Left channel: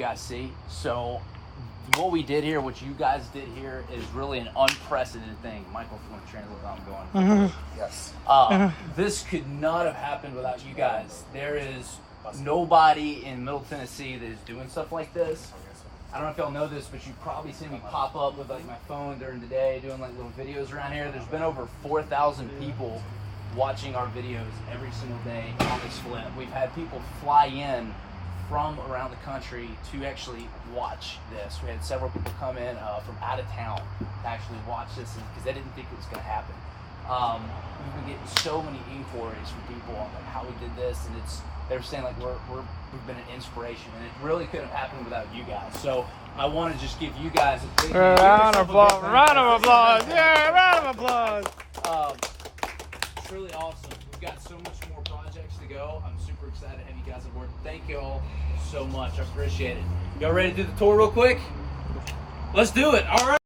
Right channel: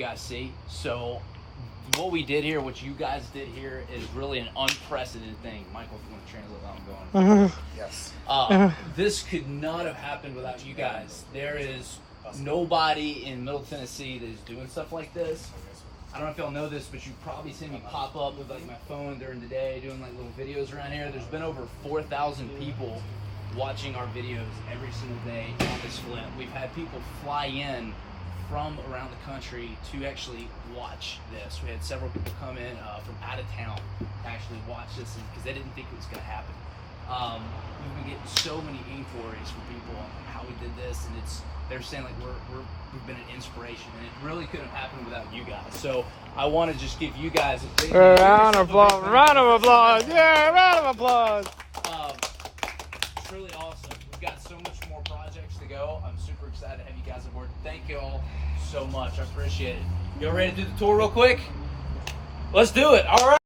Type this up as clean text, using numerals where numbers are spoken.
guys see. So what we did here, what you guys did here, is really an unprecedented thing. Michael, if you want to translate what I'm going. Yes. This could not have happened without you guys. There is nobody in Middle Tennessee that is doing stuff like this. I don't know if y'all know this, but you've probably seen me pop up with like my phone during the day, doing like little videos around here. There's been over 4,000 people watching our videos every single day on this flip. We've had people fly in from around the country to actually watch this. We had several people come in from out of town to actually watch this because they didn't think it was going to happen. We've been getting so many inquiries from people on like how we did this, and they're saying like we've been an inspiration, and it really couldn't have happened without you guys. So I want to just give you guys a big round of applause. Round of applause. Yeah, round of applause. It's really awesome. We've got so much more projects to go. I'm super excited to have you guys aboard. Thank you all so much. I appreciate it. Y'all ready to do the tour real quick? Let's do it. All right.